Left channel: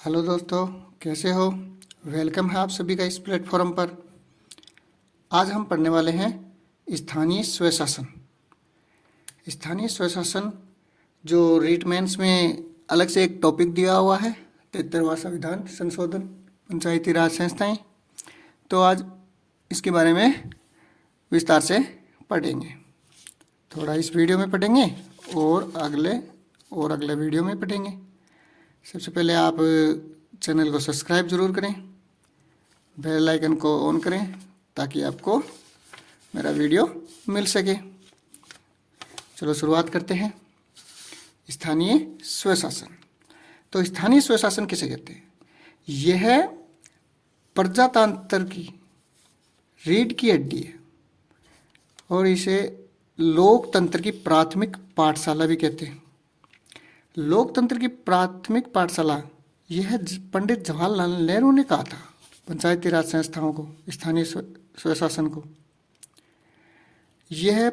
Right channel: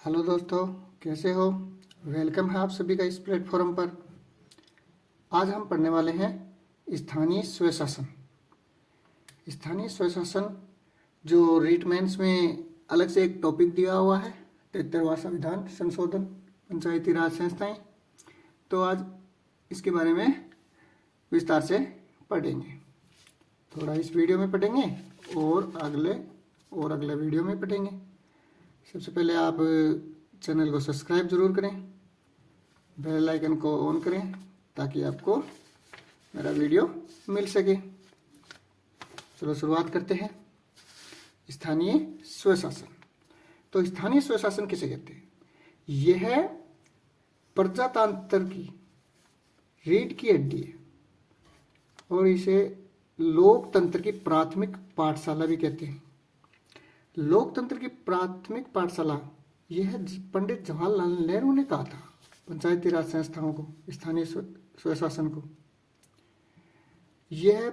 Hello दोस्तों, कैसे हो। वेलकम है आप सभी का इस प्लेटफॉर्म पर। आज हम पढ़ने वाले हैं स्थानीय स्वशासन। स्थानीय स्वशासन जो रीट मेंस में अलग से एक टॉपिक दिया हुआ है, 73वां संविधान संशोधन, पंचायती राज संस्थाएं। तो आज इसके बारे में विस्तार से पढ़ेंगे। थोड़ा इस वीडियो में पढ़ेंगे और अगले वीडियो में पढ़ेंगे। सबसे पहले आप चैनल को सब्सक्राइब ज़रूर करें, बेल आइकन को ऑन करें ताकि आपको मेरा वीडियो मिल सके। चलो शुरुआत करते हैं। स्थानीय स्वशासन। तो स्थानीय स्वशासन किसे कहते हैं? यह प्रजातंत्र की रीढ़ की हड्डी है और इसे लोकतंत्र की प्राथमिक पाठशाला भी कहते हैं। लोकतंत्र की प्राथमिक पाठशाला यह पंडित जवाहरलाल नेहरू ने कहा था पंचायती राज संस्थाओं को, स्थानीय स्वशासन को। यह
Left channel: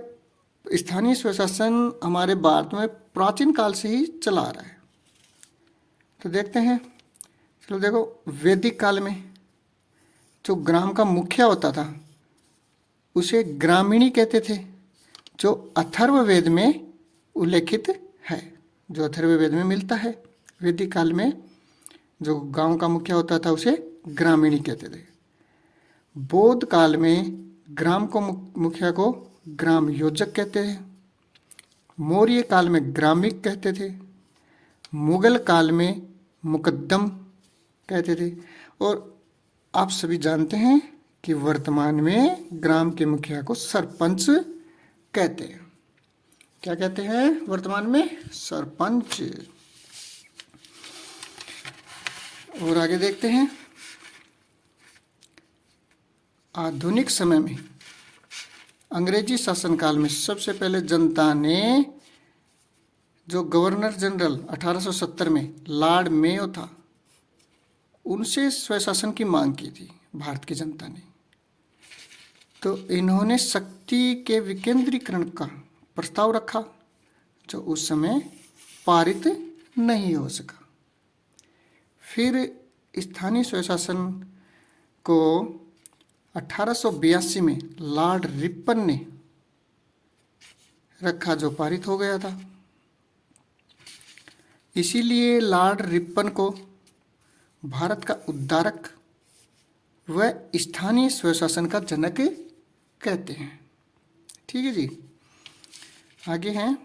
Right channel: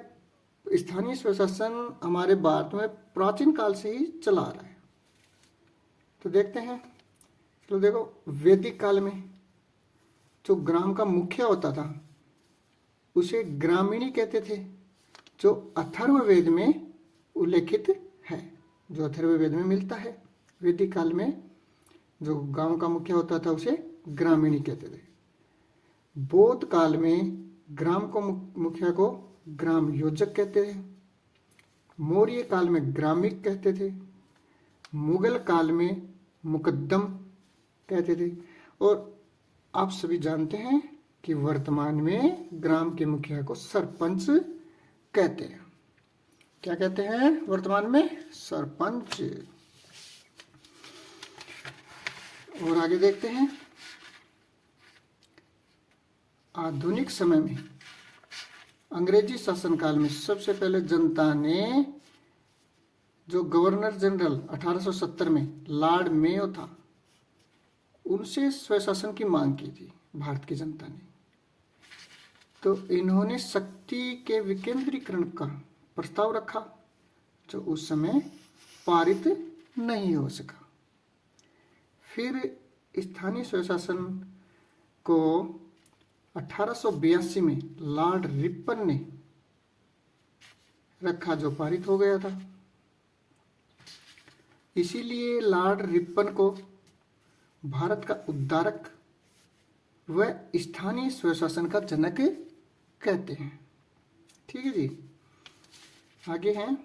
स्थानीय स्वशासन हमारे भारत में प्राचीन काल से ही चला आ रहा है। तो देखते हैं। चलो देखो, वैदिक काल में जो ग्राम का मुखिया होता था उसे ग्रामीणी कहते थे, जो अथर्ववेद में उल्लेखित है, जो अथर्ववेद में मिलता है। वैदिक काल में जो गांव का मुखिया होता था उसे ग्रामीणी कहते थे। बौद्ध काल में ग्राम को मुखिया को ग्राम योजक कहते थे। मौर्य काल में ग्रामिक कहते थे। मुगल काल में मुकद्दम कहते थे। और आप सभी जानते हैं कि वर्तमान में ग्राम के मुखिया को सरपंच कहते हैं। क्या कहते हैं वर्तमान में? सरपंच। और आगे देखते हैं। आधुनिक समय में अंग्रेजी शासनकाल में सबसे पहले जनता ने जो गवर्नर जनरल 1870 में लॉर्ड मेयो था, उनसे स्वशासन की मांग की थी भारत की जनता ने। तो इन्होंने शक्ति के विकेंद्रीकरण का प्रस्ताव रखा जो उस समय पारित नहीं हो सका। फिर स्थानीय स्वशासन को 1882 में लॉर्ड रिपन ने रखा जो पारित हो गया था। इसीलिए लॉर्ड रिपन को भारत का उद्धारक व स्थानीय स्वशासन का जनक कहते हैं। ठीक है जी। आगे हैं।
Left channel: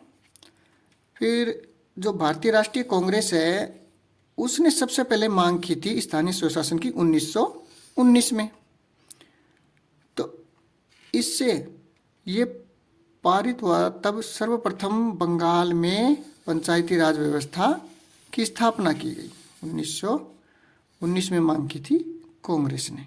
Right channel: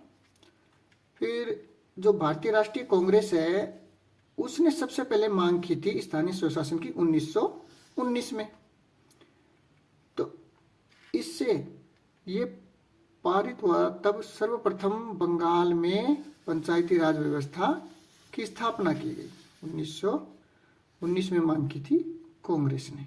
फिर जो भारतीय राष्ट्रीय कांग्रेस है उसने सबसे पहले मांग की थी स्थानीय स्वशासन की 1919 में। तो इससे ये पारित हुआ। तब सर्वप्रथम बंगाल में पंचायती राज व्यवस्था की स्थापना की गई। 1919 में मांग की थी कांग्रेस ने।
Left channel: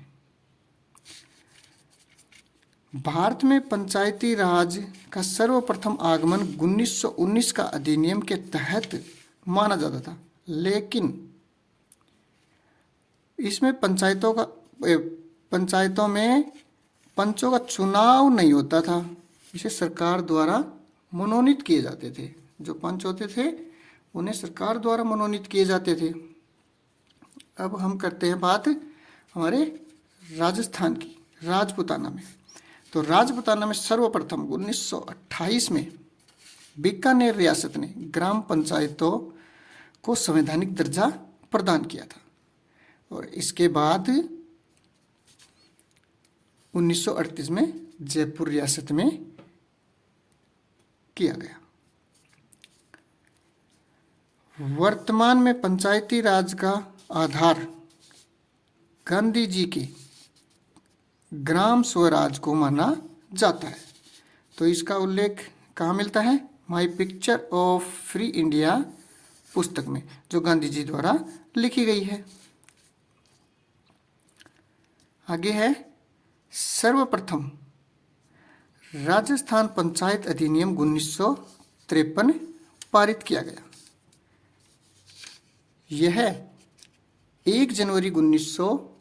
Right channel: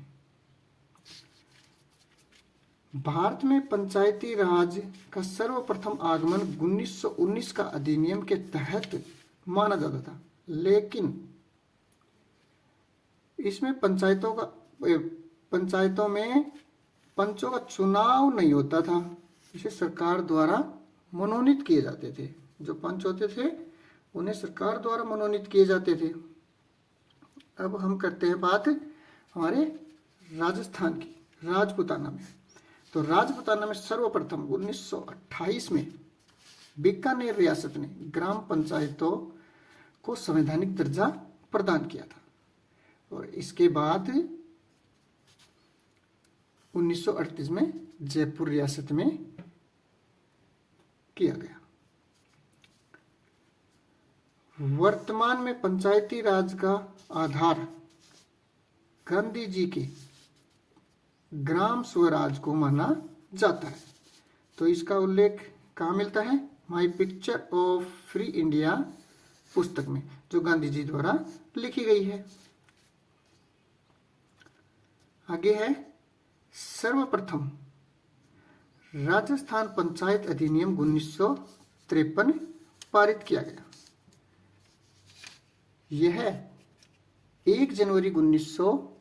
भारत में पंचायती राज का सर्वप्रथम आगमन 1919 का अधिनियम के तहत माना जाता था, लेकिन इसमें पंचायतों में पंचों का चुनाव नहीं होता था। इसे सरकार द्वारा मनोनीत किए जाते थे। जो पंच होते थे उन्हें सरकार द्वारा मनोनीत किए जाते थे। अब हम करते हैं बात हमारे राजस्थान की, राजपूताना में। तो राजपूताना में सर्वप्रथम 1928 में बीकानेर रियासत ने ग्राम पंचायतों को संवैधानिक दर्जा प्रदान किया था। और इसके बाद 1938 में जयपुर रियासत में किया गया। वर्तमान में पंचायती राज का आधार गांधी जी के ग्राम स्वराज को माना जाता है। तो इसका उल्लेख कहाँ मिलता है? My picture of free India पुस्तक में, जो गांधी जी द्वारा लिखी गई है। आगे है। सर्वप्रथम राजस्थान पंचायत अधिनियम 1953 पारित किया गया। यह 1 जनवरी 1900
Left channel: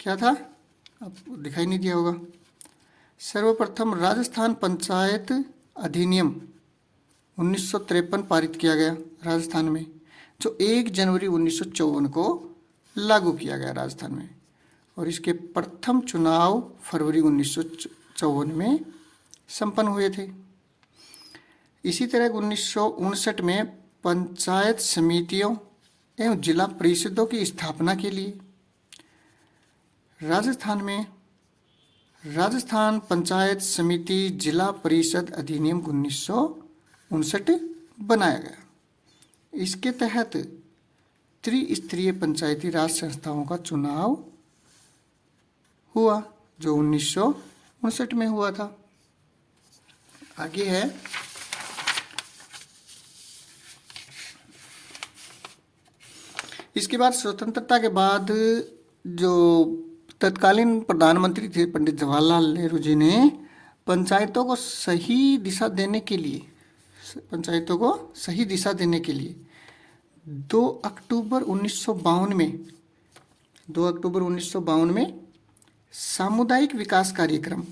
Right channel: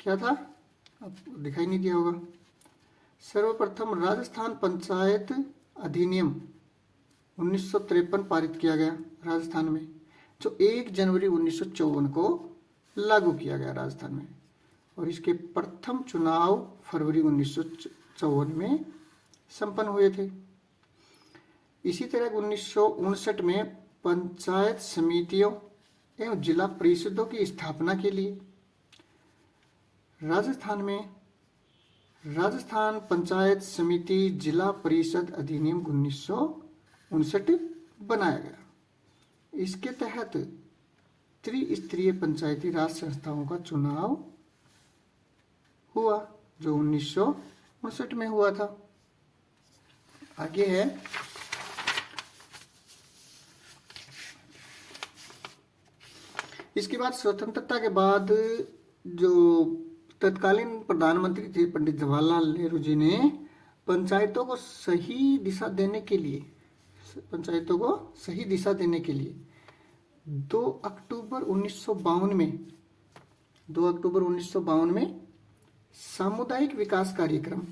क्या था, अब दिखाई नहीं दिया होगा। सर्वप्रथम राजस्थान पंचायत अधिनियम 1953 पारित किया गया राजस्थान में, जो 1 जनवरी 1954 को लागू किया गया राजस्थान में, और इसके प्रथम चुनाव फरवरी 1954 में संपन्न हुए थे। इसी तरह 1959 में पंचायत समितियों एवं जिला परिषदों की स्थापना के लिए राजस्थान पंचायत समिति जिला परिषद अधिनियम 1959 बनाया गया। इसके तहत त्रिस्तरीय पंचायती राज संस्थाओं का चुनाव हुआ, जो 1959 में हुआ था। आगे है इसके बाद स्वतंत्रता के बाद जो तत्कालीन प्रधानमंत्री थे पंडित जवाहरलाल नेहरू जी ने पंचायतों को सही दिशा देने के लिए 2 अक्टूबर 1952 में सामुदायिक विकास कार्यक्रम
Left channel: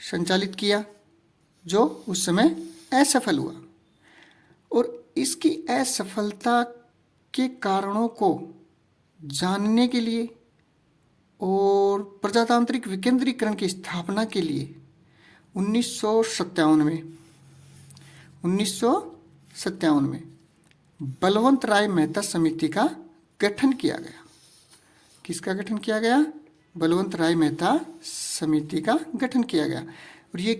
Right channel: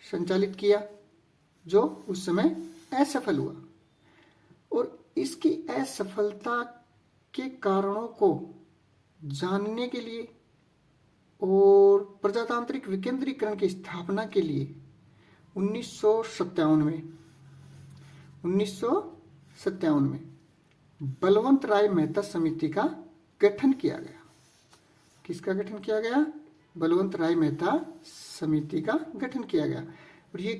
संचालित किया, जो उस समय असफल हुआ, और इसकी असफलता के कारणों को जानने के लिए और प्रजातांत्रिक विकेंद्रीकरण की स्थापना के लिए 1957 में बलवंत राय मेहता समिति का गठन किया गया। किसका गठन किया गया? बलवंत राय मेहता समिति का गठन किया गया। और ये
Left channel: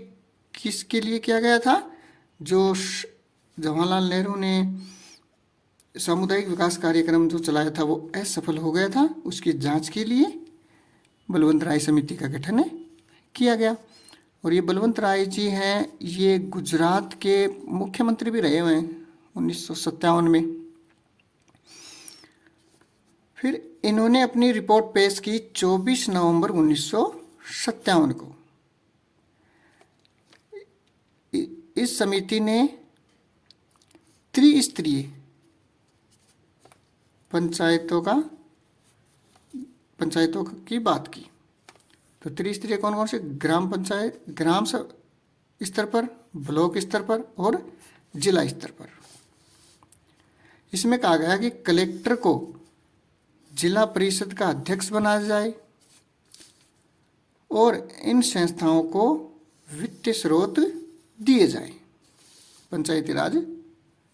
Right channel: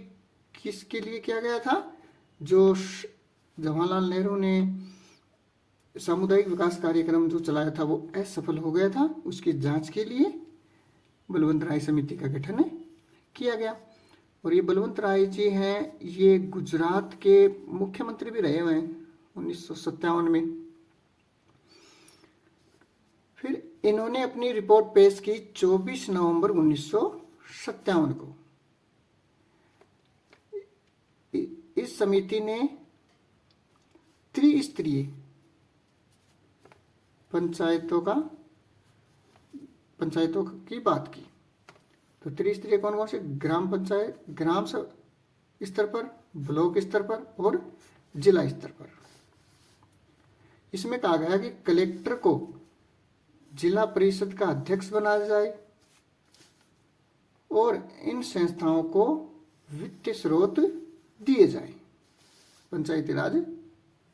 किसके लिए किया गया था? जो जवाहरलाल नेहरू ने सामुदायिक विकास कार्यक्रम जो चलाया था वो असफल हो गया था, उसकी जांच के लिए बलवंत राय समिति का गठन किया गया। और ये बलवंत राय जी हैं, ये गुजरात के मुख्यमंत्री भी रहे हुए हैं 1957 में। फिर इन्होंने अपनी रिपोर्ट पेश की 24 नवंबर 1957 को। इस समिति ने त्रिस्तरीय पंचायतों की बात की। तो त्रिस्तरीय कौन कौन से? ग्राम पंचायत, ग्राम स्तर पर, ब्लॉक स्तर पर और जिला स्तर पर। इसमें कहा गया कि कलेक्टर को जिला परिषद का अध्यक्ष बनाया जाए और इन संस्थाओं को वित्तीय स्रोत दिए जाए, पंचायती राज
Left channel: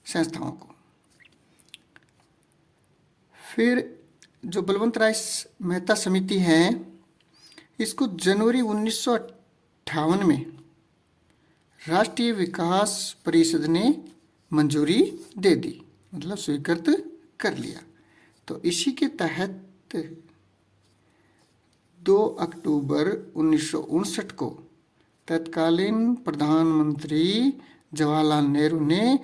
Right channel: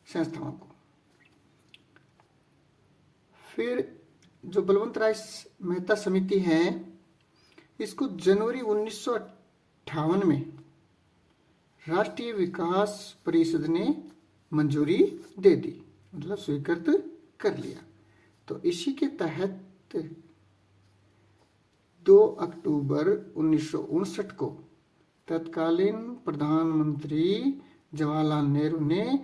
संस्थाओं को। फिर जो बलवंत राय मेहता समिति है, इसको जनवरी 1958 में राष्ट्रीय विकास परिषद ने मंजूरी दे दी, मतलब स्वीकृत कर लिया। तो इसी के तहत 2 अक्टूबर 1959 को तत्कालीन प्रधानमंत्री जवाहरलाल नेहरू ने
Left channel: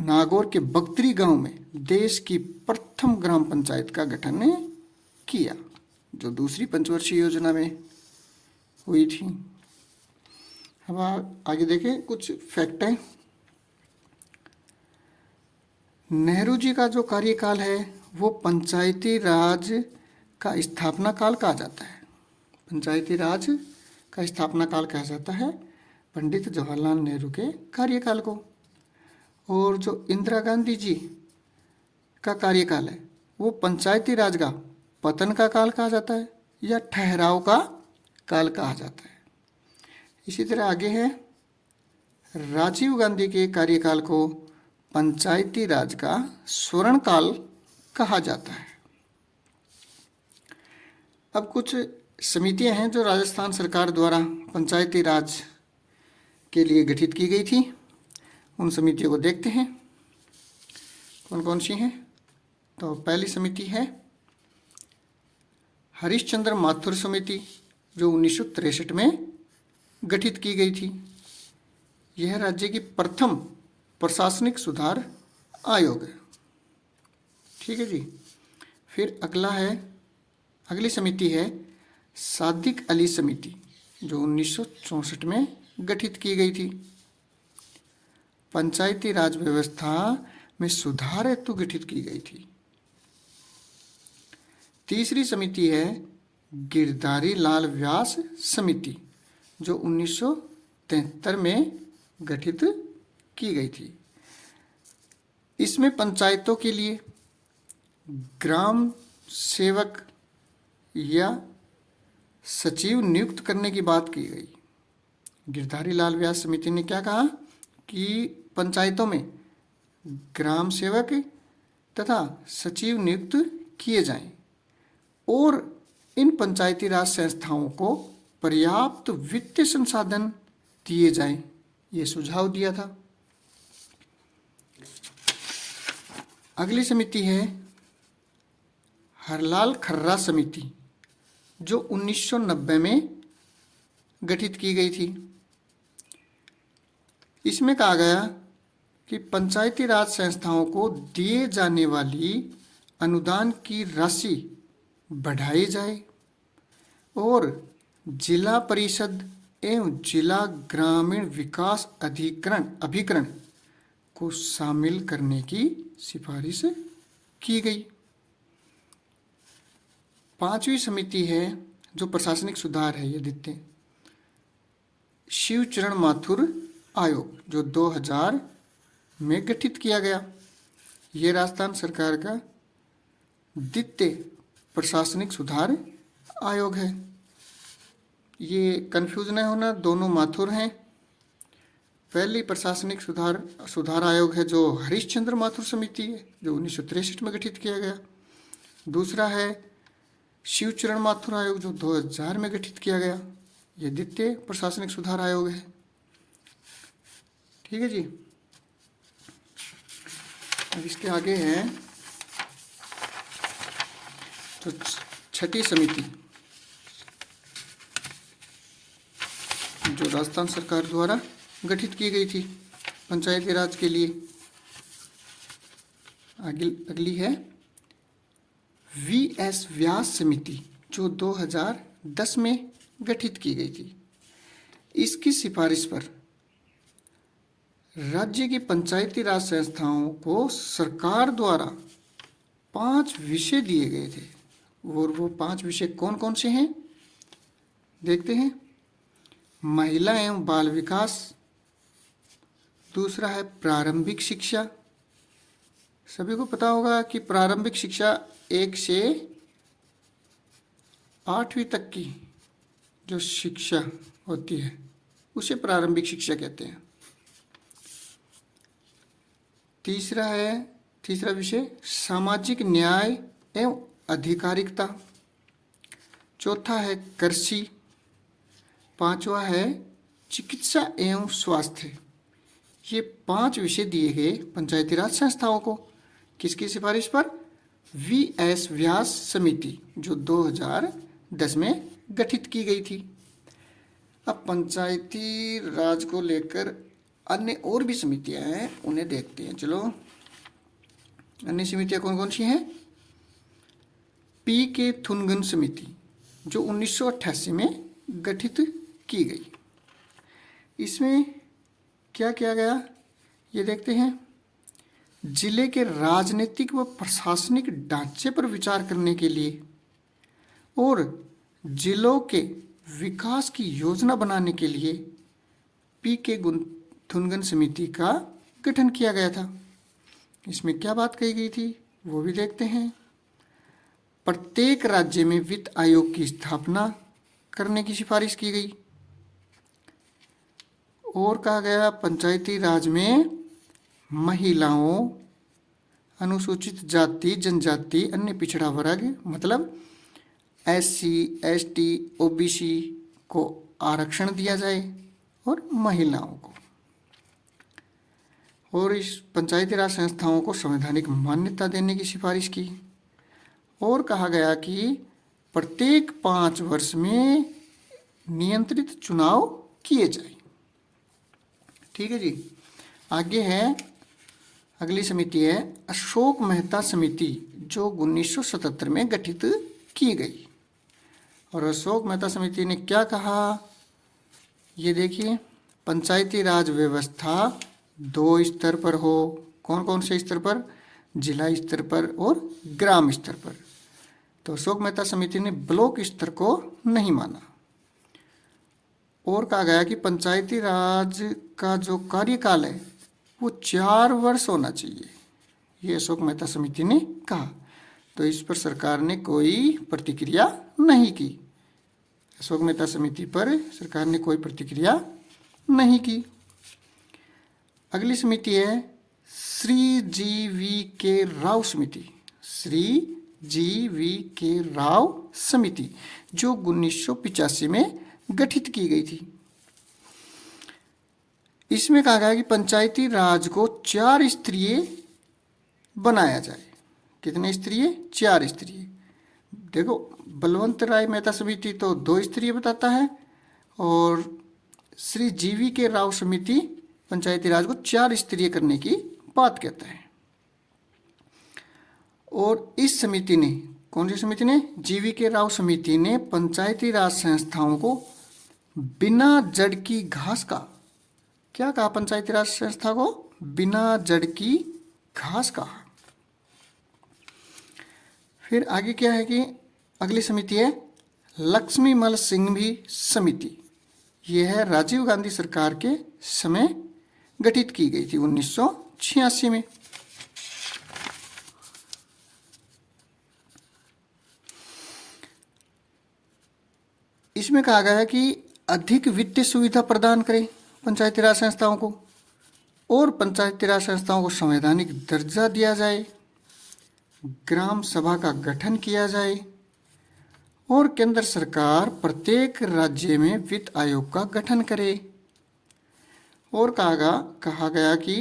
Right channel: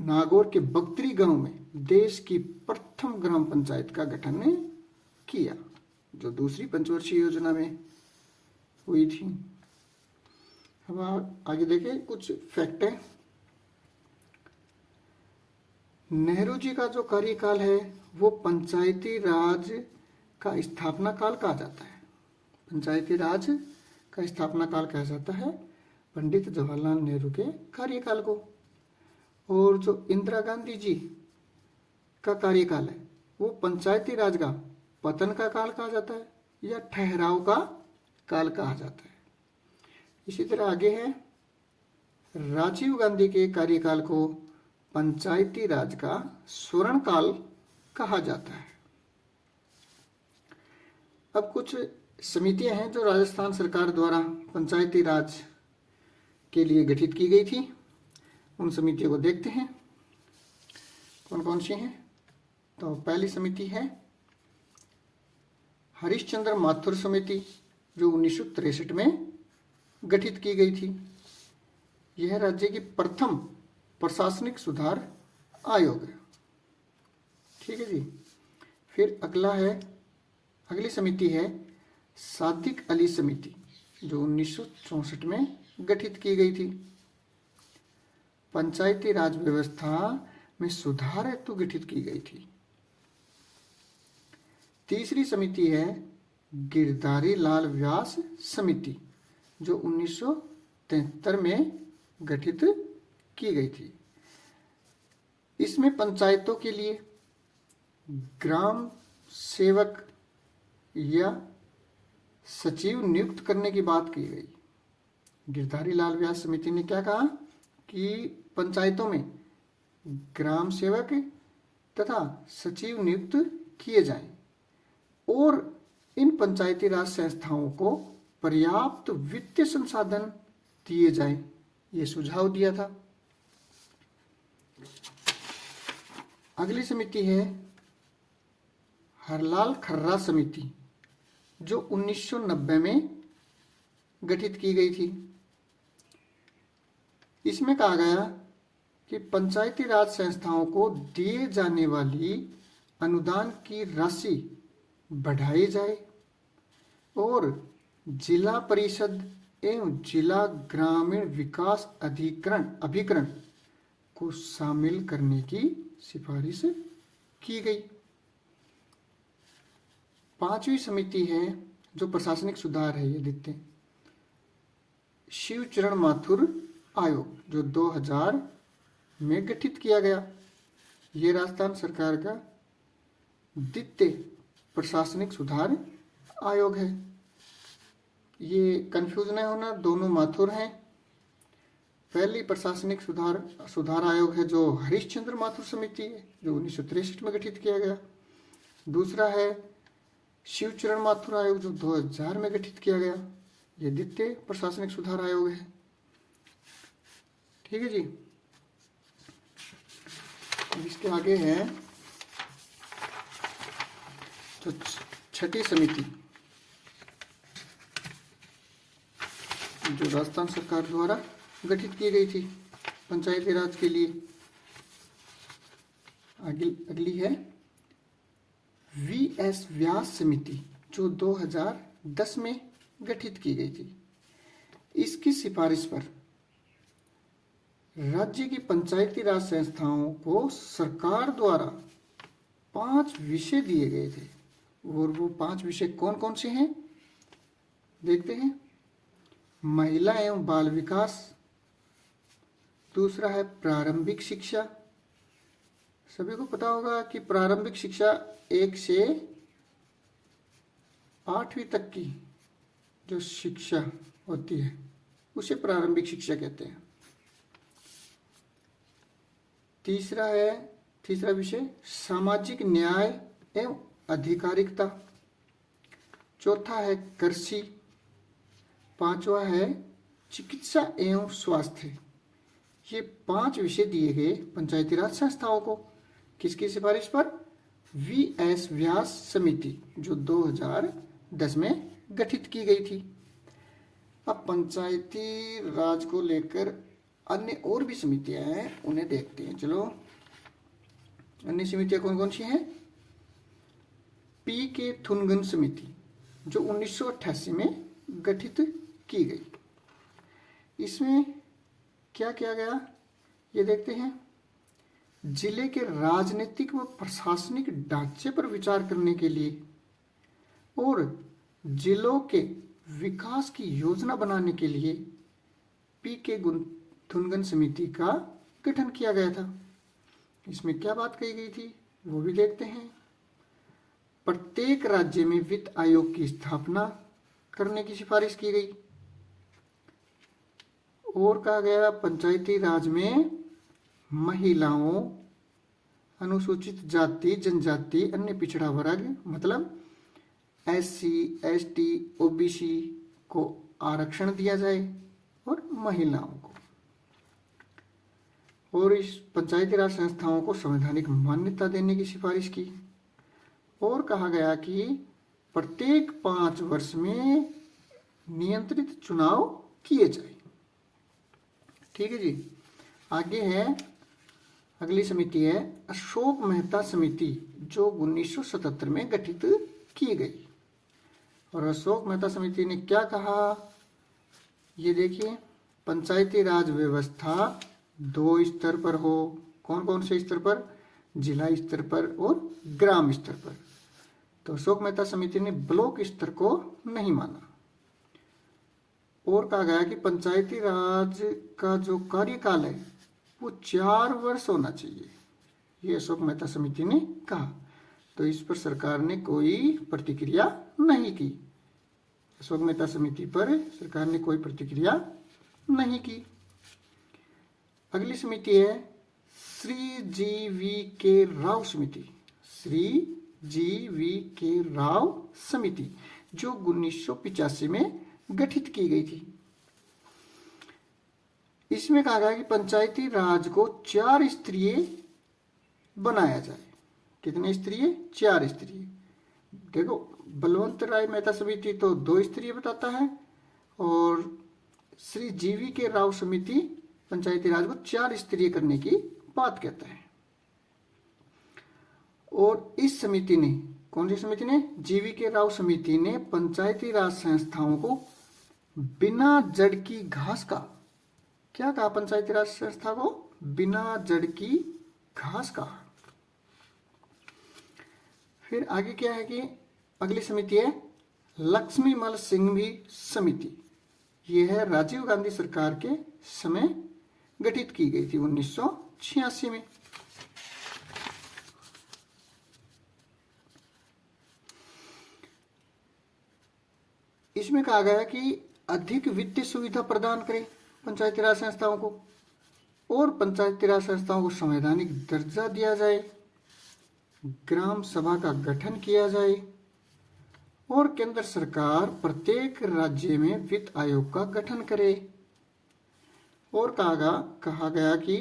नागौर के बगतरी गांव में देश की प्रथम ग्राम पंचायत का गठन किया, जो दूसरी पंचवर्षीय योजना में हुई थी। अब आगे देखें कुछ फैक्ट है। नेहरू जी का जो कार्यकाल है वो पंचायती राज का स्थापना काल कहा जाता है। पंचायती राज का स्थापना काल कहा जाता है पंडित जवाहरलाल नेहरू के कार्यकाल को। और जो इंदिरा गांधी जी का कार्यकाल है वो पंचायती राज का पतन का काल कहा जाता है या ठहराव का काल कहा जाता है। इसी तरह आगे है, राजीव गांधी के कार्यकाल को पंचायती राज का स्वर्ण काल कहा जाता है। अब कुछ समितियां हैं जो राजस्थान सरकार द्वारा पंचायती राज के लिए गठित की गई थी। उन समितियों को देखते हैं कौन कौन सी हैं। तो पहली समिति है हरिश्चंद्र माथुर समिति, जो 1963 में गठित की गई थी। यह राज्य की प्रथम प्रशासनिक सुधार आयोग है। ठीक है जी। फिर अगली समिति है सादिक अली समिति, जो 1964 में गठित की गई थी। पंचायती राज व्यवस्था में सुधार हेतु गठित की गई थी। तीसरी समिति है गिरधारी लाल व्यास समिति, जो 1973 में गठित की गई थी। इसमें पंचायतों के लिए ग्राम सेवक या सचिव नियुक्त करने की बात की गई। गिरधारी लाल व्यास समिति ने क्या कहा कि पंचायतों में ग्राम सेवक तथा सचिव नियुक्त किए जाएं और इन पंचायती राज संस्थाओं को पर्याप्त वित्तीय संसाधन दिए जाएं, ये सुझाव दिया था। अगली समिति है हरलाल खर्रा समिति, जो 1990 में गठित की गई थी। इसमें कहा गया कि पंचायती राज संस्थाओं को दिए जाने वाली अनुदान की राशि बढ़ाई जाए और जिला परिषद एवं जिला ग्रामीण विकास अभिकरण को शामिल करने की सिफारिश की गई। 5वीं समिति है जो प्रशासनिक सुधार है, ये देखते हैं, शिवचरण माथुर आयोग, जो 2000 में गठित किया गया। ये राजस्थान सरकार का द्वितीय प्रशासनिक सुधार आयोग है। ये कंफ्यूज न होना, दोनों माथुर हैं। पहली प्रशासनिक सुधार आयोग है जो हरिश्चंद्र माथुर समिति है, जो 1963 में गठित किया गया। दूसरा है शिवचरण माथुर आयोग, जो 2000 में गठित किया गया। ये द्वितीय प्रशासनिक सुधार आयोग है। ठीक है जी। अब इसके आगे है तो छठी समिति, जो राजस्थान सरकार द्वारा गठित की गई थी पंचायती राज के लिए। अगली है वीएस व्यास समिति, जो 2010 में गठित की गई थी। इसकी सिफारिश पर राज्य की पंचायती राज संस्थाओं को सरकार द्वारा 5 विषय दिए गए थे, और वो 5 विषय कौन कौन से हैं देखते हैं। महिला एवं बाल विकास, दूसरा है प्रारंभिक शिक्षा। सभी को पता होगा कि प्रारंभिक शिक्षा 1 से 8वीं तक की जो शिक्षा होती है उसे प्रारंभिक शिक्षा कहते हैं। तीसरा विषय सामाजिक न्याय एवं अधिकारिकता। चौथा है कृषि। 5वां है चिकित्सा एवं स्वास्थ्य। ये 5 विषय दिए गए पंचायती राज संस्थाओं को। किसकी सिफारिश पर? वीएस व्यास समिति, जो 2010 में गठित की गई थी। अब पंचायती राज को लेकर अन्य और भी समितियां हैं, उन्हें देखते हैं। चलो, अन्य समितियां कौन कौन सी हैं? पी के थुनगन समिति, जो 1988 में गठित की गई। इसमें क्या किया गया ये देखते हैं। जिले के राजनीतिक व प्रशासनिक ढांचे पर विचार करने के लिए और जिलों के विकास की योजना बनाने के लिए पी के थुनगन समिति का गठन किया गया था। इसमें क्या बात कही गई थी वो भी देखते हैं। प्रत्येक राज्य में वित्त आयोग की स्थापना करने की सिफारिश की गई। और कहा गया पंचायती राज में महिलाओं, अनुसूचित जाति जनजाति, अन्य पिछड़ा वर्ग मतलब SC ST OBC को आरक्षण दिया जाए और महिलाओं को। और इस पंचायती राज संस्थाओं को संवैधानिक मान्यता देने की सिफारिश की। और कहा गया कि प्रत्येक 5 वर्ष में नियंत्रित चुनाव किए जाए। ठीक है जी। आगे है, अगली समिति है अशोक मेहता समिति, जो 1977 में गठित की गई। और अशोक मेहता समिति ने क्या कहा ये देखिए। पंचायती राज व्यवस्था 2 स्तर पर हो। कौन कौन से स्तर पर? जिला स्तर पर और ग्राम स्तर पर। तो अशोक मेहता समिति ने ब्लॉक स्तर को नहीं माना। और कहा गया कि पंचायती राज का जो कार्यकाल है वो 4 वर्ष होना चाहिए, ये अशोक मेहता समिति ने कहा। तो इस पर सरकार ने कोई प्रतिक्रिया नहीं की। अशोक मेहता समिति पर सरकार ने कोई प्रतिक्रिया नहीं की। अगली समिति है श्री जी वी के राव समिति। श्री जी वी के राव समिति जो 1985 में गठित की गई थी। इसमें कहा गया कि पंचायती राज को 4 स्तरीय बनाया जाए। कितने स्तरीय? 4 स्तरीय। देखो, बलवंत राय मेहता समिति तो 2 स्तरीय बताता है और श्री जीवी के राव समिति पंचायती राज को 4 स्तरीय करने की बात कहता है। और इस समिति ने, कौन सी समिति ने? जीवी के राव समिति ने पंचायती राज संस्थाओं को बिना जड़ की घास का, क्या कहा? पंचायती राज संस्था को बिना जड़ की घास कहा। फिर आगे क्या है कि अगली समिति है लक्ष्मीमल सिंघवी समिति। यह है राजीव गांधी सरकार के समय गठित की गई थी 1986 में। इसमें कहा गया है कि अधिक वित्तीय सुविधा प्रदान करें पंचायती राज संस्थाओं को और पंचायती राज संस्थाओं को संवैधानिक दर्जा दिया जाए, ग्राम सभा का गठन किया जाए और केंद्र सरकार प्रत्येक राज्य में वित्त आयोग का गठन करे। और कहा गया कि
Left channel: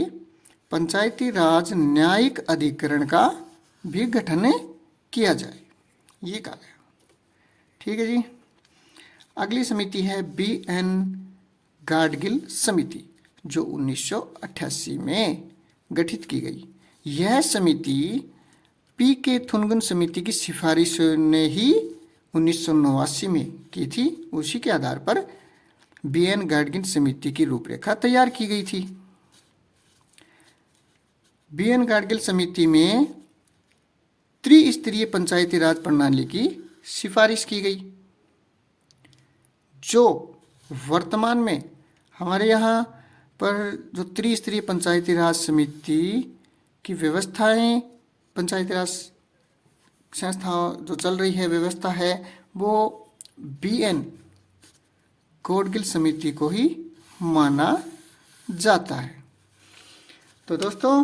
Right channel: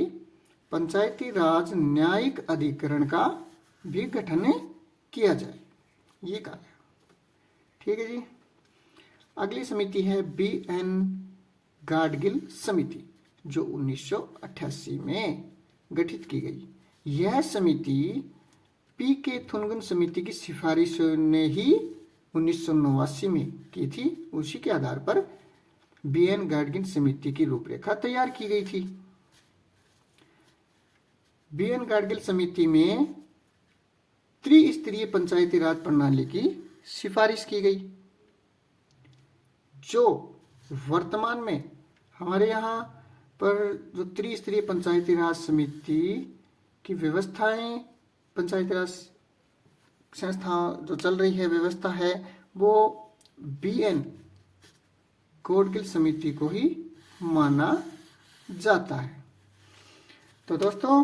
पंचायती राज न्यायिक अधिकरण का भी गठन किया जाए, ये कहा गया। ठीक है जी। अगली समिति है BN गाडगिल समिति जो 1988 में गठित की गई। यह समिति PK थुनगन समिति की सिफारिश ने ही 1989 में की थी। उसी के आधार पर BN गाडगिल समिति की रूपरेखा तैयार की गई थी। BN गाडगिल समिति में त्रिस्तरीय पंचायती राज प्रणाली की सिफारिश की गई, जो वर्तमान में हमारे यहाँ पर जो त्रिस्तरीय पंचायती राज समिति की व्यवस्थाएं, पंचायती राज संस्था जो चल रही है, व्यवस्था है, वो BN गाडगिल समिति को ही माना जाता है। तो दोस्तों,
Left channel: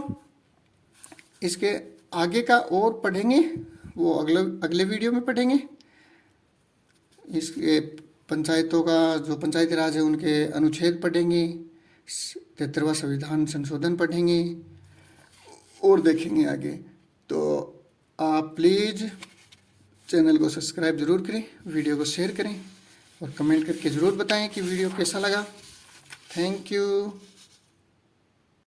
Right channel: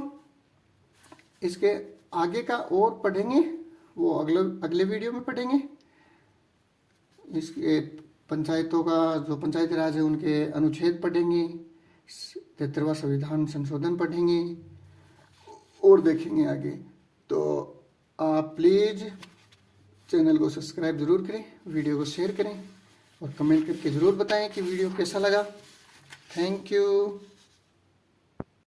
इसके आगे का और पढ़ेंगे, वो अगले वीडियो में पढ़ेंगे। इसके पंचायतों का जो पंचायती राज है उनके अनुच्छेद पढ़ेंगे, 73वां संविधान संशोधन पढ़ेंगे और देखेंगे आगे। तो आप प्लीज़ चैनल को सब्सक्राइब जरूर करें, वीडियो को शेयर करें और कमेंट करके ज़रूर बताएं कि वीडियो कैसा लगा। Thank you.